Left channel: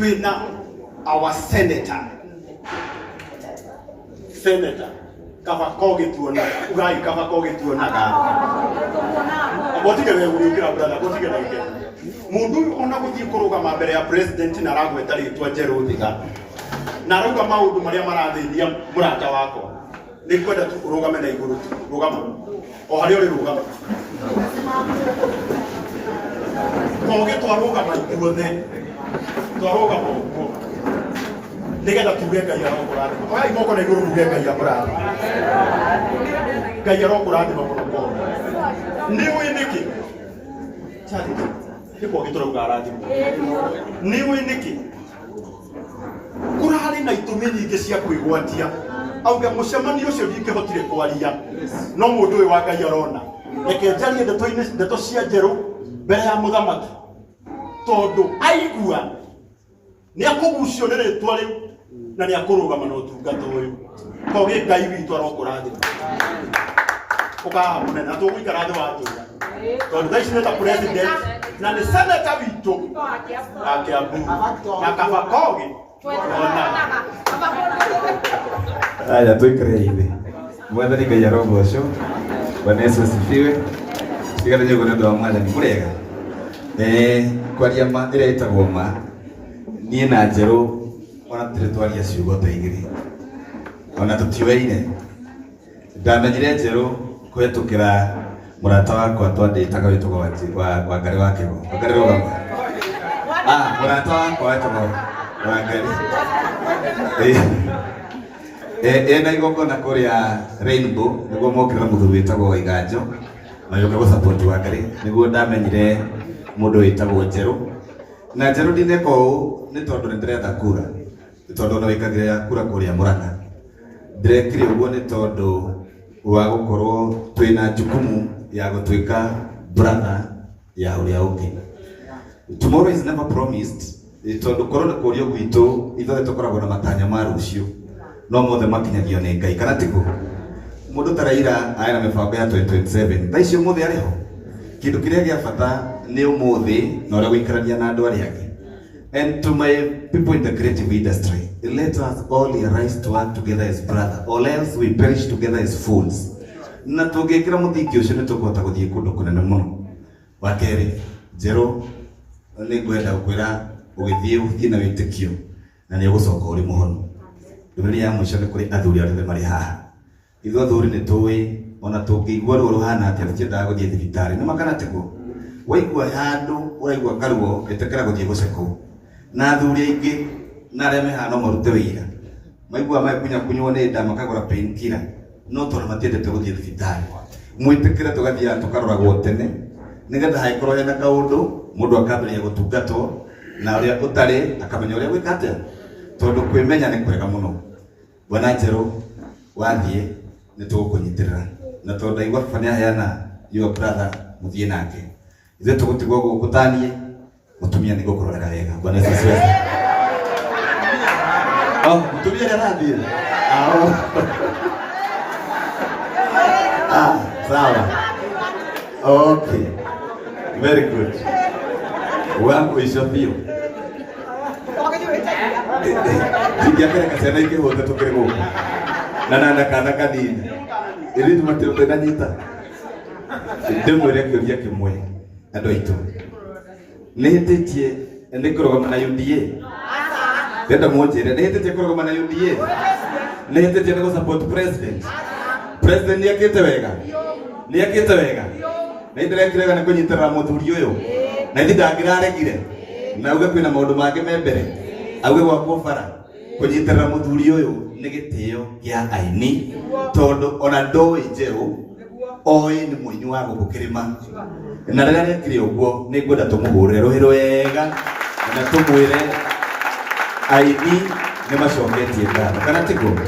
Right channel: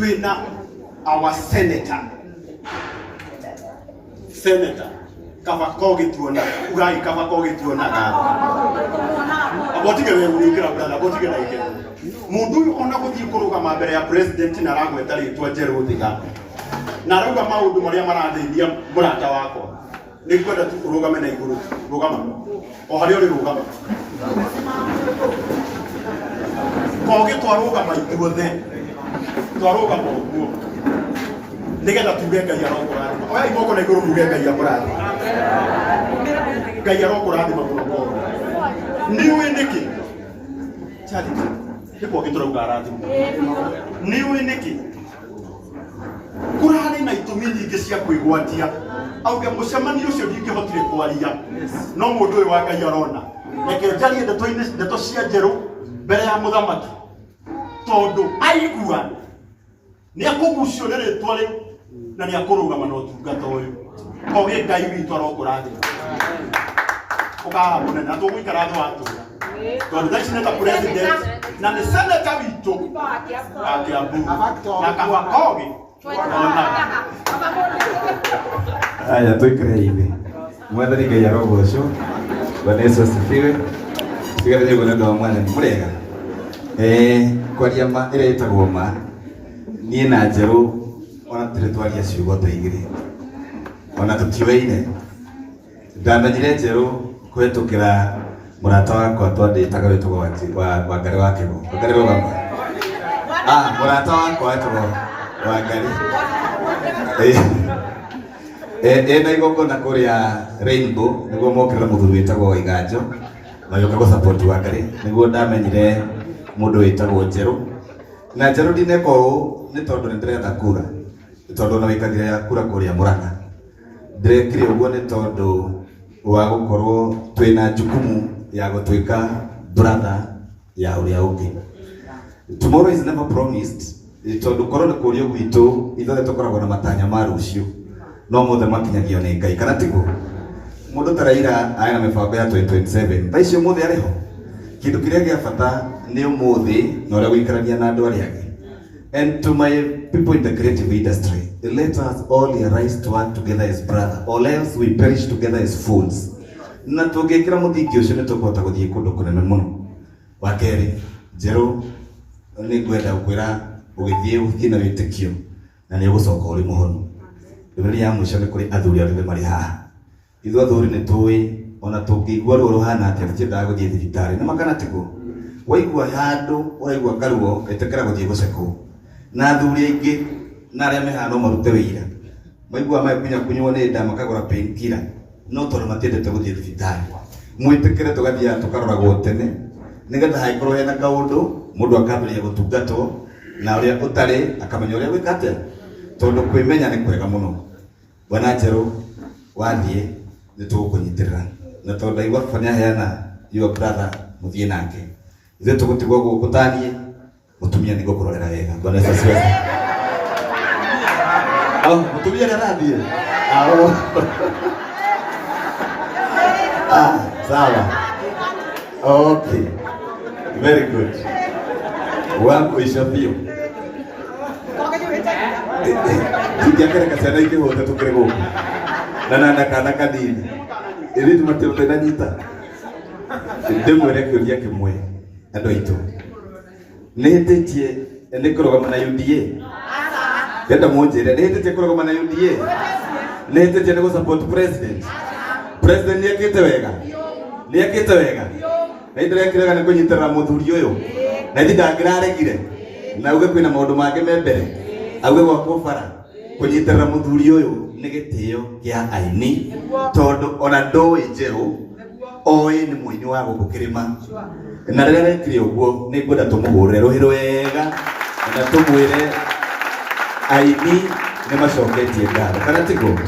twina our senator Kavakoge tuona ugai Kavakoge tuona ga abotige we ukira brother abotige na ike mundu ona guthii kurugama mbere ya president na ragweta ritwa Njeru Thiga na ruga maundu maria marathithia murata wako nikwenda tu kurugame na iguru rugama o hari uri rugama koge twarugama ithuothe twarugama uguo nigetha tuge Ngai arokurathi oya imoko na iguru tuge Ngai arokurathi Ngai arokurathi mamuno ko niwe niki chati ndipo giturauga arathi niwe niki kurari na itumi nyingi cia kwigwatia auga mucemanio ucio ndingihotire kwaria no mundu uyu wa Ngai arona reke njarie ndeto cia Njeru mbere ya muthamaki tondu aigua ni akugucio ni ritwa riu na ni akurugama na utungata uyu koge Ngai witu arokurathima ukaha munene na tugwikara thi watuya tondu thaici ni ta president na ni senator witu akiambu na Kavakoge Haya tuikare hivi. Mwathani Ngai arogocwo. Bwana Yesu asifiwe. Sigara nĩ ũgũna ndwa mwathani mũrega. Kwaria ma ĩrĩa ĩtagwo ma niĩ na Njeru ona tũrĩ twaria ciugo ta igĩrĩ. Ona tũtiũĩine. Ndamenyire Njeru kũhetũkĩra mũrata wakwa twandĩtaga wĩtagwo wa Ngarĩ wa Kĩgo. Ngarĩ rũgama. Mũrata wakwa wĩtagwo Wangari. Na igongona kuria Rainbow niguo mokira muthuri witagwo Waiganjo na yoka go support Wangari niguo ndamenyire mundu witagwo Njeru na Njeru ndineko ni tondu ndiretha kura tondu na wikagira kura kuria Murang'a ndirekire uguo ni tondu wa gukorwo twina jukumu ya gutwika brother ya uria ungi. Tomorrow is never promised. Tondu korona kurio gwitu ithuothe tukoragwo na matanya ma rucio no mothe makinyagio ni Ngai kana tiguo mundu ta Raila aina mibango ya 2027 thaici umuthi ariho kindu kiria gia bata ni umuthi na uria guikarania na andu aria angi. And to my people in the creative industry, let us all rise to work together as brother or else we perish together as fools. Na tungikira muthingi ucio ni tukuhota guthii kundu kunene muno. Wa keri Njeru ni ngwenda gukwira ugithii na witikio na ni ugucoka uri muhonu. Ndumĩrĩri ya mũico nĩ kũrĩ athuri arĩa marĩ haha. Ithuĩ athuri nĩ tũĩ ona tũngĩigua ruo ruhana atĩa tũtiendaga gũthiĩ thibitarĩ. Nĩ makana tiguo. Waigua handũ ũraigua karuo ĩtĩkĩra gũthiĩ gũcekwo. Na athuri aingĩ na arĩa me haha no marute wĩira. Maigua makunyakunywo nĩ nda makagũra painkiller no tondũ matiendete gũthiĩ thibitarĩ. Mwĩtĩkĩre tũgathiaga tũkaroragwo tene nĩgetha hangĩkorwo hena kaũndũ mũndũ akambĩrĩria gũtungatwo na ũrĩa ũtarĩ akamenya ũrĩa gwĩka atĩa. Tondu kwimenya ni kwega muno. Bwana Njeru wathie ni tukunyitirira na tondu igwa fanya yana your brother muthie nake ithe tugutigwo gukutanie mutumia ni gukurorera wega. Bwana Yesu asifiwe. Mutumia narathie sawa. Okay, very good. Wangu ishapio Tikiakera kasana iki wote tukire guku. Na kana kanini. Iri tumate na nyita. Ndemore kuria kimwe. Ando ito. Netetie ndikoro na UDA. Kenda mojere netetie koro na UDA. Netetie ngo support president. President yakite wega. Yakite wega. Na ndirekire kana kunyitara muthuri uyu. Na ndangiraregire. Na uge kwina maundu make membere. Awe gwakwo bara kunyitirira muthuri uyu ni gitio kia aini tondu ona ndoi Njeru oi ni muini wa gukukirima na rĩrĩa rekire ũguo nĩ ngwenda tũmũhũrĩre rũhĩ rwega na tũmwĩre aini nĩ macoketie ngatho kana tiguo.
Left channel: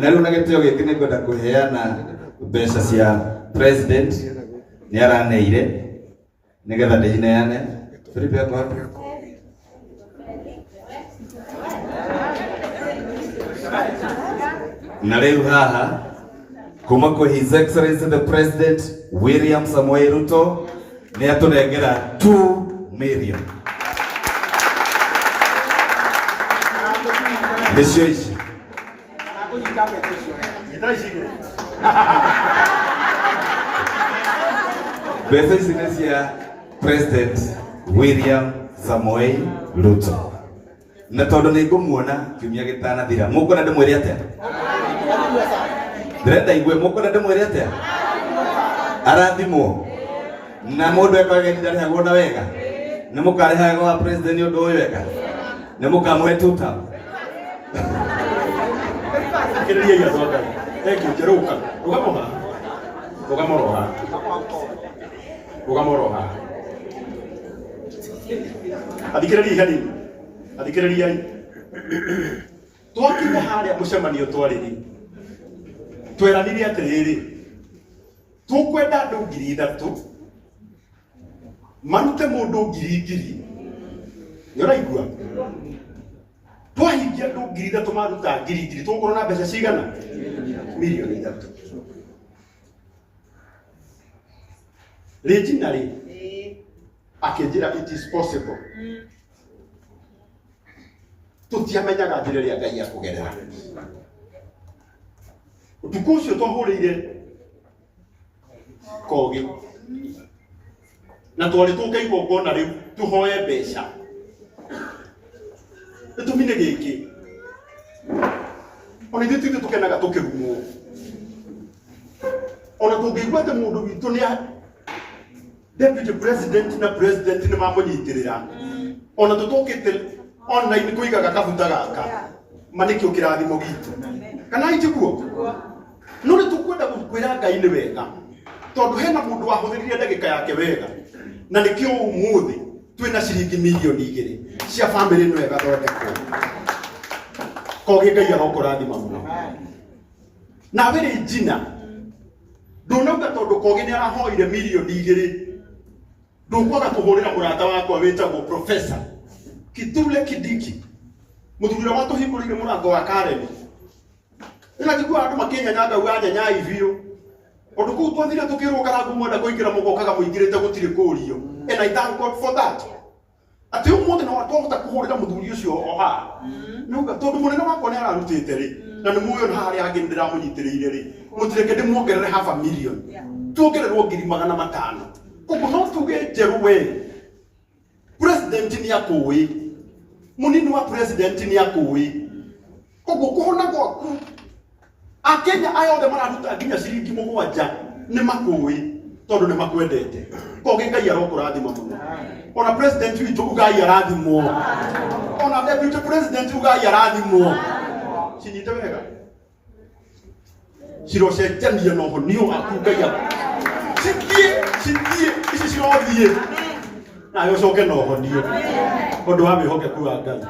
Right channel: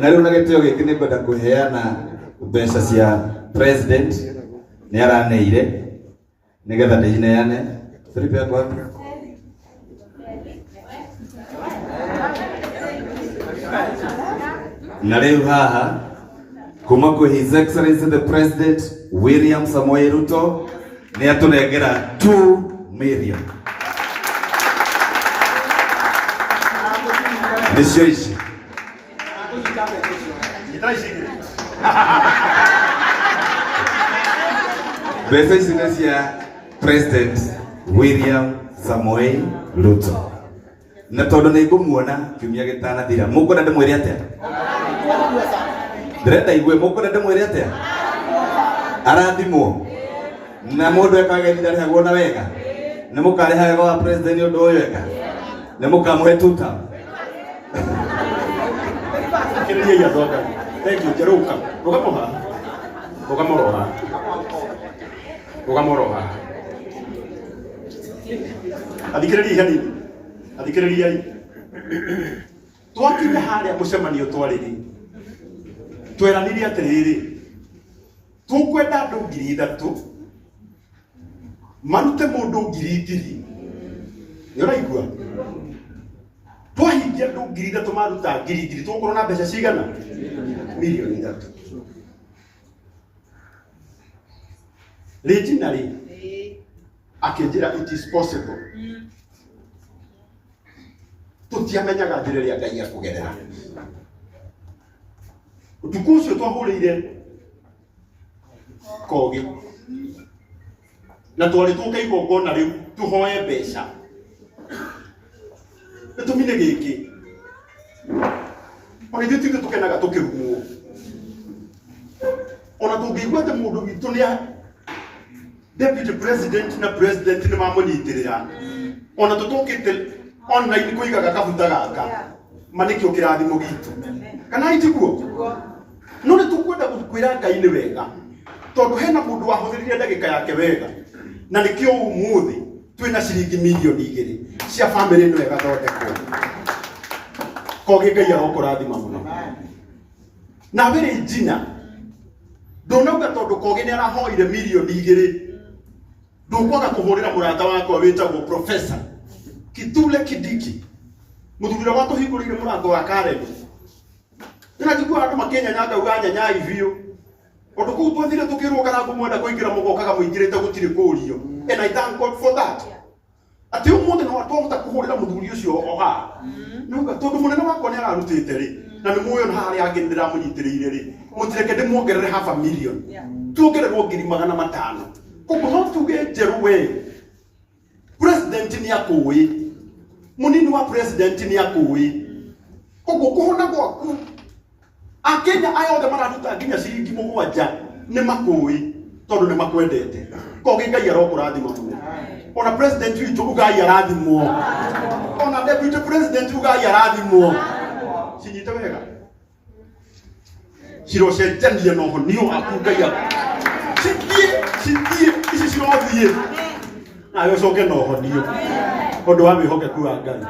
Na rĩu na gĩtĩo gĩkĩ nĩ ngwenda kũheana mbeca cia president nĩ araneire nĩgetha ndĩcineane Philip yakwa. Na leo haha kuma kwa His Excellency the President William Samoei Ruto ni atunengera 2 million. Nĩcio ici. Mbeca ici nĩ cia President William Samoei Ruto. Na tondũ nĩ ngũmuona kiumia gĩtanathira, mũkwenda ndĩmwĩre atĩa? Ndĩrenda igue, mũkwenda ndĩmwĩre atĩa? Arathimwo na mũndũ ekaga ndarĩhagwo na wega. Nĩ mũkarĩha wega wa president ũndũ ũyũ wega? Nĩ mũkamũhe tuta? Kĩrĩria ya thonga. Thank you, Jeruka. Ugamoroha. Athikĩrĩria. Twakinya harĩa mũcemanio twarĩrĩ. Tweranire atĩrĩrĩ. Tũkwenda andũ 3,000 marute mũndũ 2,000. Nĩũraigua? Twahingia andũ 3,000 maruta 2,000 tũgũkorwo na mbeca cigana? Milioni 3. Regionally, akĩnjĩra it is possible. Tũtiamenyaga njĩra ĩrĩa Ngai akũgerera. Ũtukũ ũcio twahũrĩire Kogi na twarĩ tũka igongona rĩu tũhoe mbeca. Gĩtũmi nĩ gĩkĩ. Ona ithuĩ tũthiĩ tũkenaga tũkĩrumwo. Ona tũngĩigua atĩ mũndũ witũ nĩ Deputy President na President nĩ mamũnyitĩrĩra. Ona tũtũkĩte online kũigaga kabuta gaka. Manĩkĩo kĩrathimo gitũ. Kana itiguo? No nĩ tũkwenda kwĩra Ngai nĩ wega. Tondũ hena mũndũ wahũthĩrire ndagĩka yake wega. Na nĩkĩo ũmũthĩ twĩna ciringi milioni 2 cia family ĩno ĩgathondekwo. Kogi Ngai arokũrathima mũno. Na wĩrĩ njina. Ndũnauga tondũ Kogi nĩ arahoire milioni 2. Ndũkwaga kũhũrĩra mũrata wakwa wĩtagwo Professor Kithure Kindiki. Mũthuri wa tũhingũrĩire mũrango wa Karemi. Ĩna njigua andũ makĩnyanya uga nyanya ivio. Ũndũ kũu twathire tũkĩrwo karangu mwenda kũingĩra mũgokaga mũingĩrĩte gũtirĩ kũrio. And I thank God for that. Ati ũmũthĩ no twahota kũhũrĩra mũthuri ũcio oha. Nuga tondũ mũnene wakwa nĩ ararutĩte rĩ. Na nĩ muoyo harĩa angĩ ndĩramũnyitĩrĩire rĩ. Mũtireke ndĩmuongerere 500,000. Tuongererwo 500,000. Koguo no tuge njerũ we. President nĩ akũĩ. Mũnini wa president nĩ akũĩ. Koguo kũhona gwaku. Akenya ayothe mararuta nginya ciringi 7 nĩ makũĩ tondũ nĩ makwendete. Kogi Ngai arokũrathima mũno. Ona president witũ Ngai arathimwo. Ona deputy president Ngai arathimwo. Cinyite wega. Cirocenjania na ũhonio waku Ngai. Citie ici ciothiĩ. Na yocoke na ũhonio. Ũndũ wa wĩhokeku wa Ngai.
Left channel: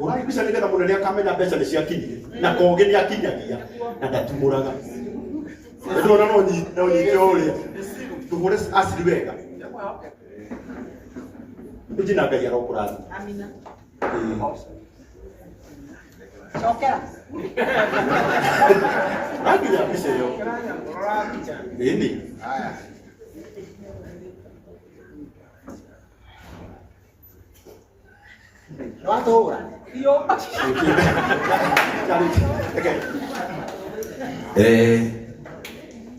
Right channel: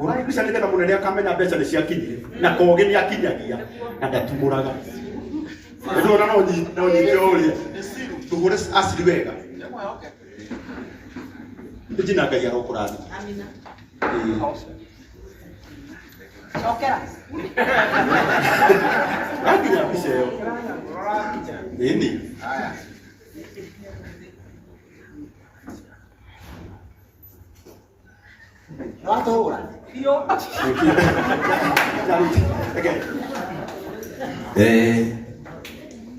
Ũrari bisa nĩ getha mũnene akamenya mbeca nĩ ciakinyire. Na Kogi nĩ akinyagia na ndatumũraga. Ndona no nyingĩ ũrĩa. Tũgũre aciri wega. Njina Ngai arokũrathima. Amina. Okera. Nginya mbica ĩyo. Nini? Watoora.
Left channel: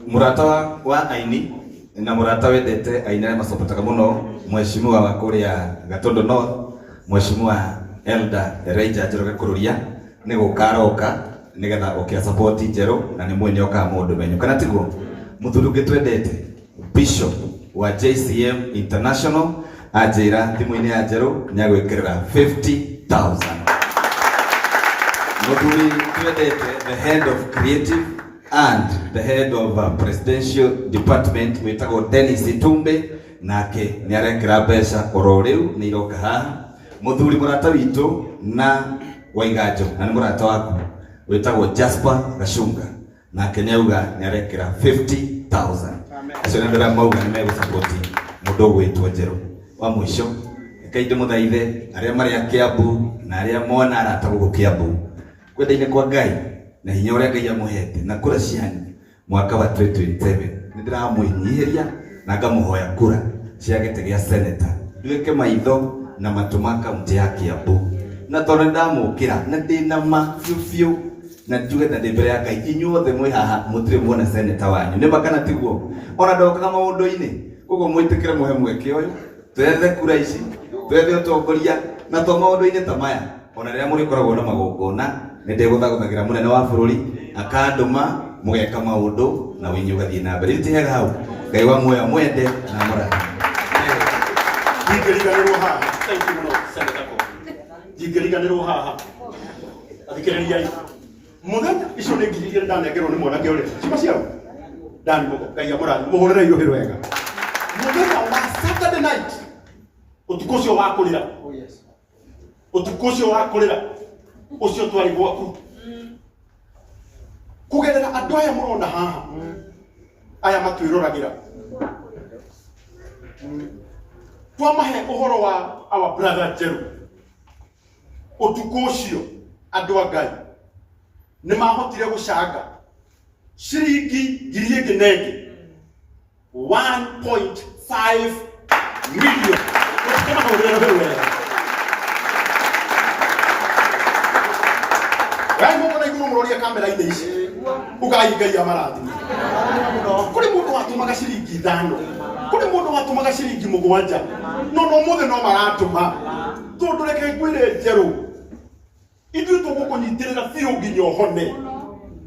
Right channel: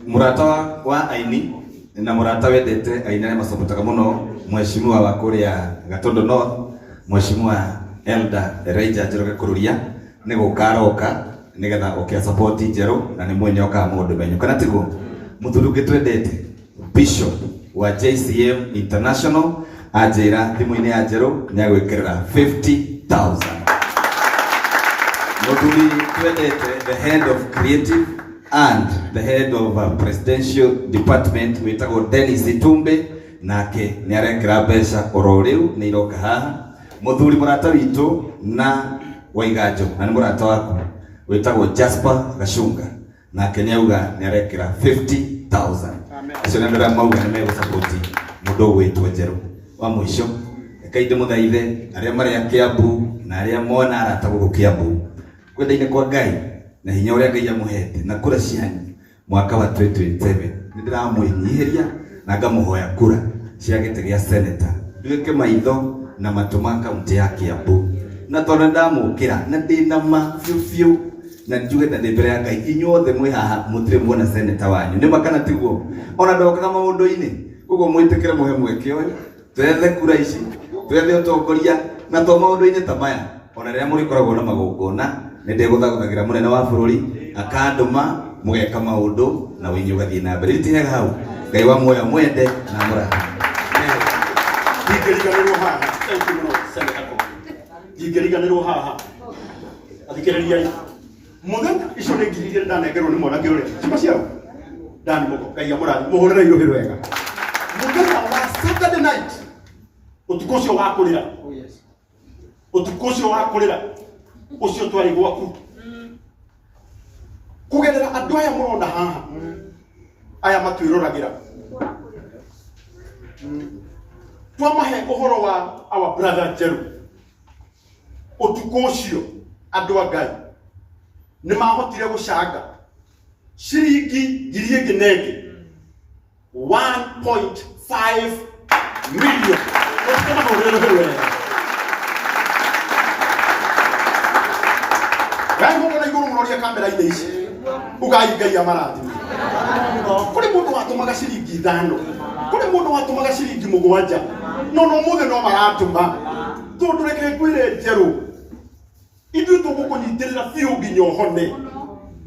Murata wa aini na murata wendete aini arĩa macopotaga mũno mheshimiwa wa kũrĩa Gatundu North, mheshimiwa Elder Elijah Njoroge Kururia nĩ gũkaroka nĩgetha ũkĩa support njerũ na nĩ mwenye oka mũndũ menyo kana tiguo mũthuri ũngĩ twendete Bishop wa JCM International ajira thimũ-inĩ ya njerũ nĩ agwĩkĩrĩra 50,000. Mũthuri twendete the head of creative and the head of presidential department wĩtagwo Dennis Itumbe nake nĩ arekĩra mbeca oro rĩu nĩ iroka haha. Mũthuri mũrata witũ na Waiganjo na nĩ mũrata waku wĩtagwo Jasper Gacunga nake nĩ auga nĩ arekĩra 50,000. Acio nĩ ndĩra mauga nĩ megũsapoti mũndũ ũgwĩtwo njerũ. Wa mũico kainde mũthaithe arĩa marĩ a Kiambu na arĩa mona arata gũkũ Kiambu kwendaine kwa Ngai na hinya ũrĩa Ngai amũhete na kura cianyu mwaka wa 2027 nĩ ndĩramwĩnyihĩria na ngamũhoya kura cia gĩtĩ gĩa senator ndwĩke maitho na matũma kaunti ya Kiambu na tondu ndamukira na ndina ma fiu na njugete ndi mbere ya Ngai inyuothe mwi haha mutire muona seneta wanyu ni makana tiguo ona ndokaga maundu-ini koguo mwitikire muhe mweke uyu twethe kura ici twethe utongoria na to maundu-ini ta maya ona riria muri koragwo na magongona ni ndiguthagathagira munene wa bururi akanduma mugeka maundu na winyu gathie na mbere itihega hau Ngai wa muoya mwende na muraha Jingiriganirwo haha jingiriganirwo haha athikiriria muthenya icio nĩ ngiri igĩrĩ ndanengerwo nĩ mwanake ũrĩa cima ciao ndani mũko Ngai amũrathime mũhũrĩre ihũrĩ wega muthenya wa Saturday night ũtukũ ũcio wa kũrĩra ũtukũ ũcio wa kũrĩra ũcio twarĩ gwaku kũgerera andũ aya mũrona haha aya matwĩroragĩra twamahe ũhoro wa our brother Njeru ũtukũ ũcio andũ a Ngai nĩ mahotire gũcanga ciringi ngiri ĩngĩ na ĩngĩ 1.5 million. Ngai mũkona igũrũ mũroria kamera-inĩ ici ugai Ngai amarathime kũrĩ mũndũ watũmaga ciringi 5 kũrĩ mũndũ watũmaga ciringi 7 no mũthĩ no maratũma tondũ reke ngwĩre Njerũ ithuĩ tũgũkũnyitĩrĩra biũ nginya ũhone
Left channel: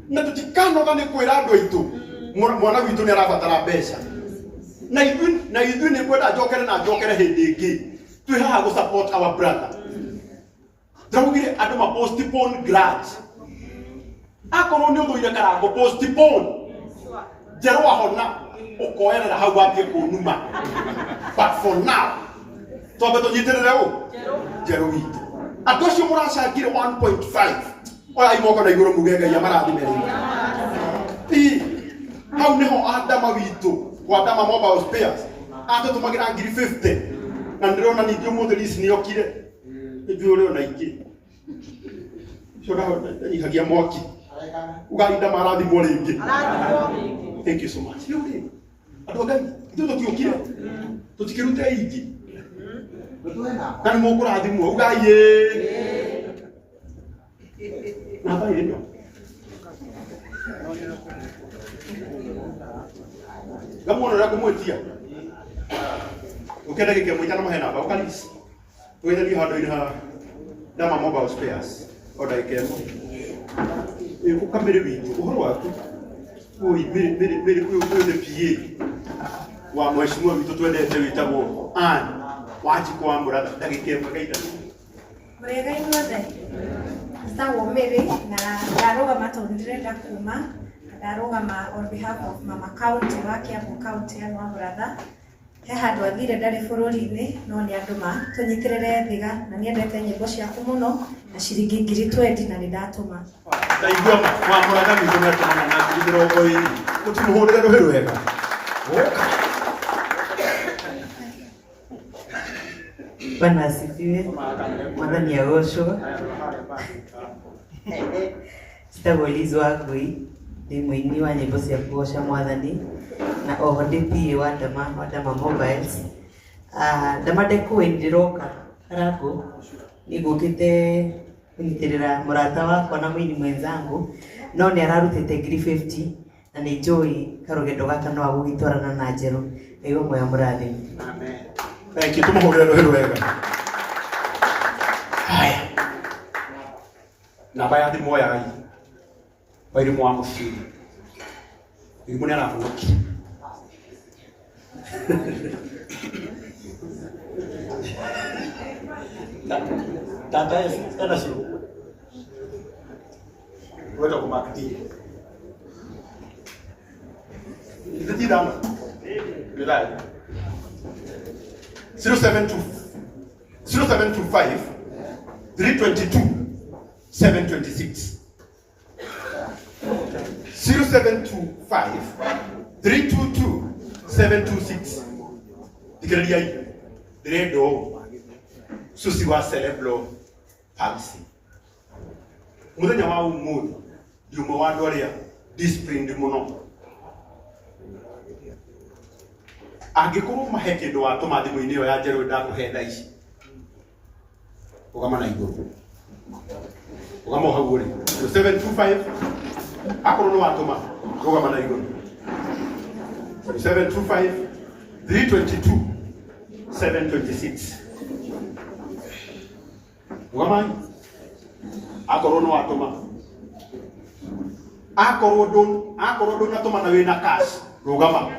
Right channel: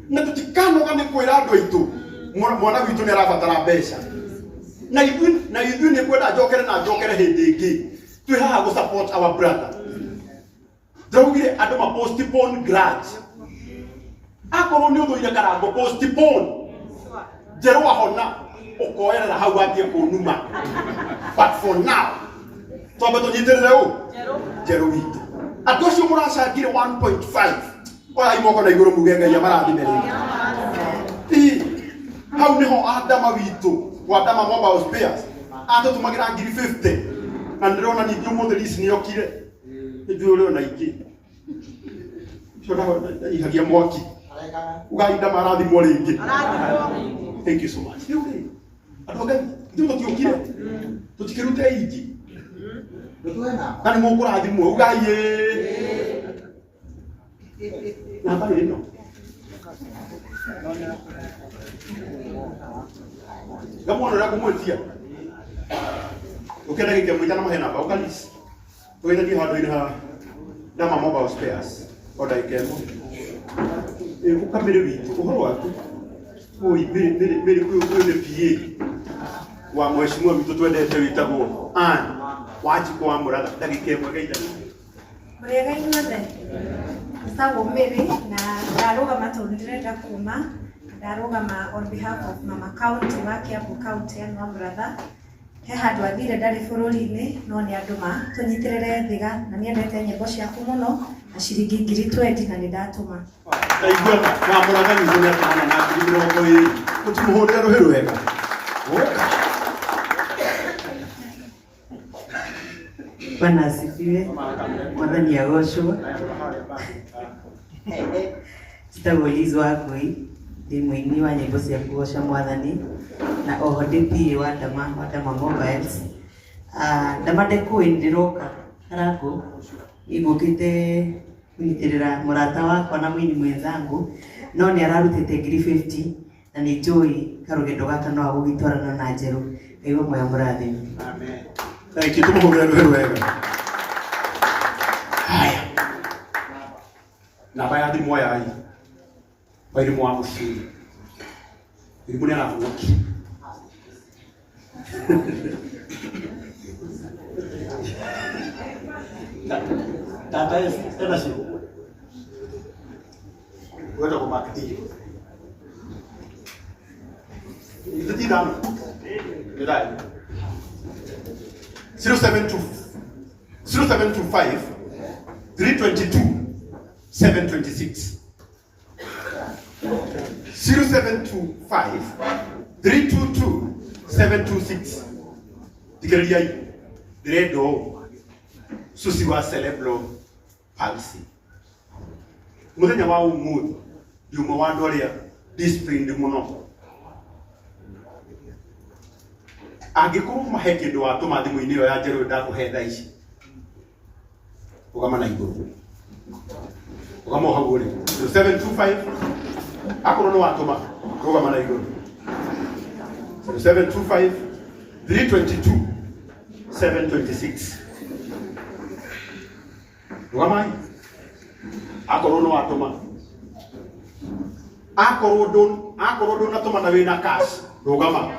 na tũtikanoga nĩ kwĩra andũ aitũ mwana witũ nĩ arabatara mbeca na ithuĩ nĩ kwenda njokere hĩndĩ ĩngĩ twĩ haha gũ support our brother ndaugire andũ ma postpone grudge akorwo nĩ ũthũire karango postpone Njerũ ahona ũkoerera hau wambie kũnuma but for now twambe tũnyitĩrĩre ũ Njerũ witũ andũ acio mũracangire 1.5 oya imoko na igũrũ muge Ngai amarathime rĩngĩ hau nĩho Adama witũ wa Adama Mobile Spares atũtũmagĩra ngiri 50 na ndĩrona ningĩ ũmũthĩ ici nĩokire nĩnjũĩ ũrĩ ona ingĩ cio ndanyihagia mwaki ugai ndamarathimwo rĩngĩ. Thank you so much. Andũ a Ngai ithuĩ tũtiũkire tũtikĩrute ingĩ na nĩ mũkũrathimwo ugai na bali ĩno gamũonera kũmwĩtia ũkenda gĩkĩa mwĩta na mahe namba ũkalisi wĩtherie handũ-inĩ ha Adama Mobile Spares o ndagĩka ĩmwe ũkamĩrĩ witũ ũhoro waku mĩrĩ kwĩnĩ PA wa mheshimiwa witũ twendete wĩtagwo Ann Wanjikũ wa Mũratha ndagĩka ĩmwe geithania Mũrĩega inyuothe Gĩtagwo Mary na ndarũgama tondũ ndĩrenda kuma ndarũgama on behalf of Mama County wa Kiambu County ya Mũratha he handũ athire ndarĩ bũrũri-inĩ no nĩ andũ tũnyitĩrĩre thiga na nĩendete nyĩmbo ciaku mũno na ciringi ngiri 20 na nĩndatũma ndaigua wa Mũratha witũ nĩ atũmana na ngiri 20 mũtimũhũrĩre rũhĩ rwega Bwana asifiwe. Mwathani agocwo. Njĩtagwo Liz Wangui, ndĩ mũini wa nyĩmbo cia kũgoca Mwathani na oho ndĩ PA wa Adama Mobiles. Ndamande kũĩ ndĩroka Karangũ nĩngũkĩte kũnyitĩrĩra mũrata wakwa na mũini mwenzangu no nĩ ararutĩte ngiri 50 na nĩ njũĩ karũgendo gaka no agũgĩtwarana na Njerũ. Ngai wa muoya mũrathime. Amen. Thank you. Tumuhũrĩre rũhĩ rwega. Haya. Namba ya thimũ ya ai. Wairimũ wa mũciri. Irimũ nĩ arahuoki. Tata ena cio. Wenda kũmakithia. Ithatithano. Nĩrai. 0725 322 726 0725 322 726 Tikiriai Diredo Susi wa Celebro Palsi Muthenya wa umuthi ndiumo wa andũ arĩa disciplined mũno angĩkorwo mahe kĩndũ watũma thimũ-inĩ ĩyo ya Njerũ ndakũhe thaa ici ũgama na igũrũ Ugamo hau ri 0725 akorwo ni watuma rugama na iguru 0725 322 726 rugama akorwo ni watuma akorwo ndun atuma na wina cash rugama